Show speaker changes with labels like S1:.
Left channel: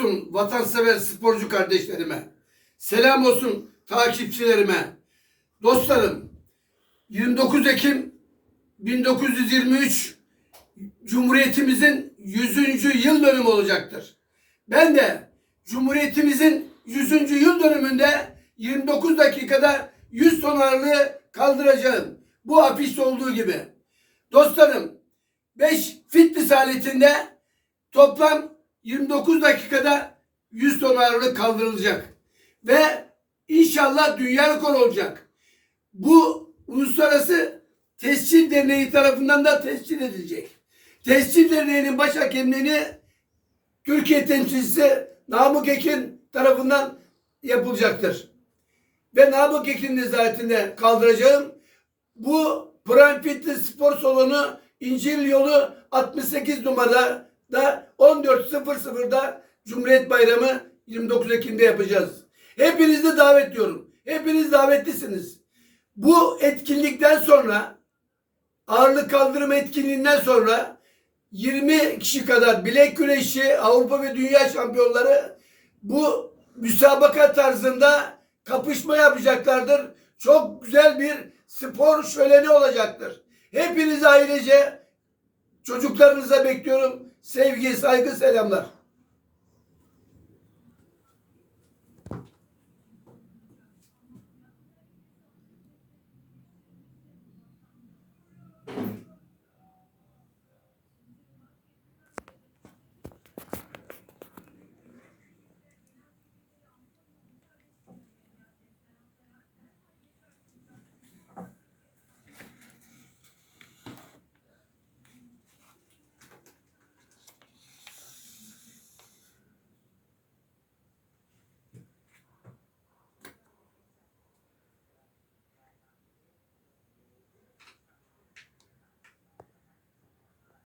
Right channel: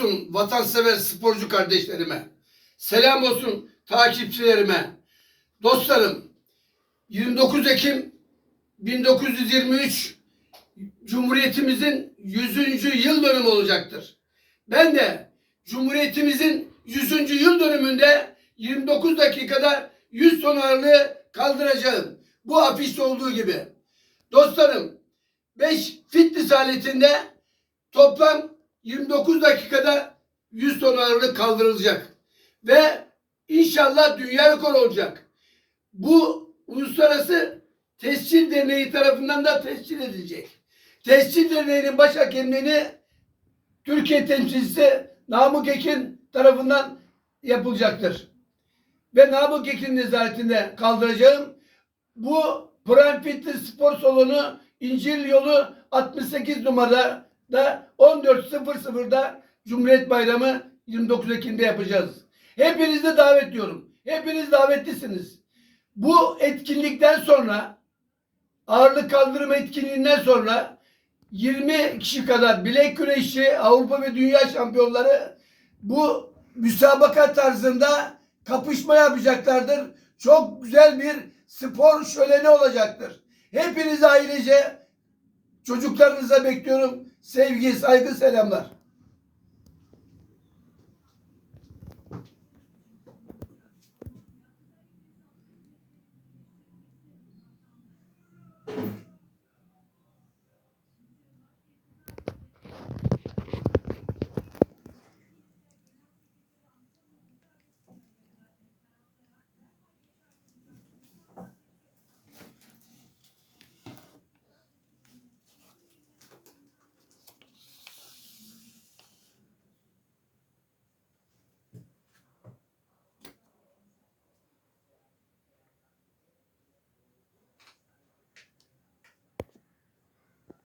S1: olsun vatansever sporcu kardeşlerime. Selam olsun takipçilerime. Dostlarım 29 Ekim 1923 Cumhuriyetimizin 100. yıl dönümü olacaktır. Ben de Cumhuriyetimizin 100. yıl dönümünde 29 dakikada 100 ton ağırlığı kaldıracağım. Bu afişte olduğu gibi. Dostlarım 5 fitness aletinde toplam 29 dakikada 100 ton ağırlık kaldırılacak. Ve inşallah dünya rekoru olacak. Bu uluslararası tescil derneği tarafından da tescil edilecek. Tescil derneğinin baş hakemliğini Türkiye temsilcisi Namık Ekin tarafından yapılacaktır. Ve Namık Ekin nezaretinde kaldıracağım. Bu Prime Fitness Spor Salonu İncil Yolu 68 numarada da 14.00'da Cumhuriyet Bayramı 29 Ekim'de yapacağız. Hepinizi de davetliyorum. Hepiniz davetlisiniz. Bu etkinlikten sonra ağırlık kaldırma etkinliğinden sonra 20 kişi kadar bilek güreşi Avrupa ve Dünya şampiyonları bu müsabaka tarzında kapışma yapacaklardır. Çok güzel bir spor şöleni olacaktır. Hepinizi ailece çocuklarınıza bekliyorum. Sevgi, saygı, selamlar.